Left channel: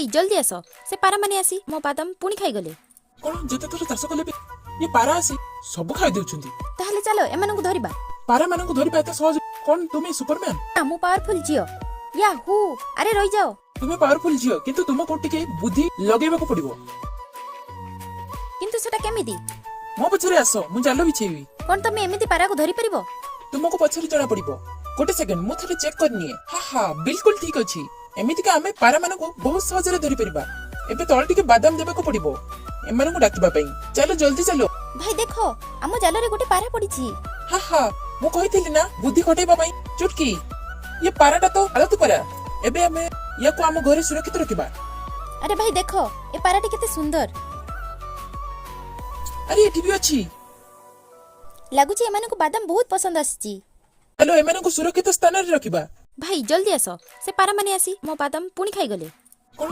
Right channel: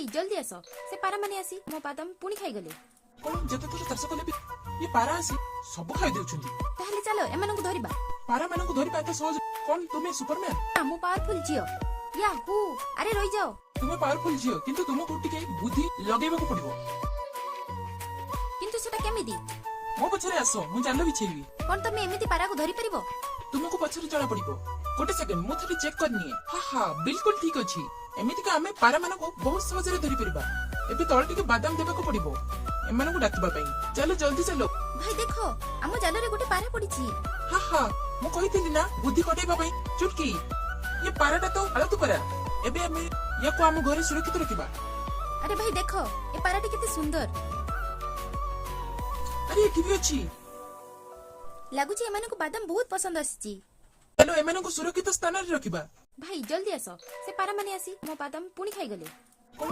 भाई जल्दी आस से पारा माने आसी मो बादाम पुणी खाईगले कौन जेते थोर चाष कले भी ये पारा आसी सब खाई देउछंती ताहले चलो एमानंकु धरिबा पारा मानंकु धरि पाते सहज कौन तुमे सुपरमैन मु पावरफुल जियो याहू अरे रही जाओ तुमे पावरफुल जियो किंतु तुमको टिके बुद्धि लगेबाको पड़िबो किंतु सेटा केमिति मो पछरे आसो मु जालो बिछेबी कोन तमे एमिति पारा को धरि परिबो तुमको पछरे जाना पड़िबो गोटे सेकंड मु थोड़े चेक करनी है हां बिल्कुल ठीक अछि एमिति का हमें पारा मानको बहुत सहज रे धरि परिबा एबे तळ टिके बादाम देबाको पड़िबो एमाननको डाकिबा पई चलो जल्दी चलो भाई देखो आम जाल रे गोटे पारा पड़ीछि हां मु कहिथिली ना बुद्धि खटेबा पई चुटकी ये पाराटा तो आलतु पारा एबे हमें याको हम घरे सुरक्षित रखिबा अरे भाई देखो ए पाराटी केते सुंदर अरे एठी भी अछि लागुछि एमाननको बादाम बहुत पसंद आछि चलो एमाननको सुरक्षित स्थान रे रखिबा भाई जल्दी आस से पारा माने आसी मो बादाम पुणी खाईगले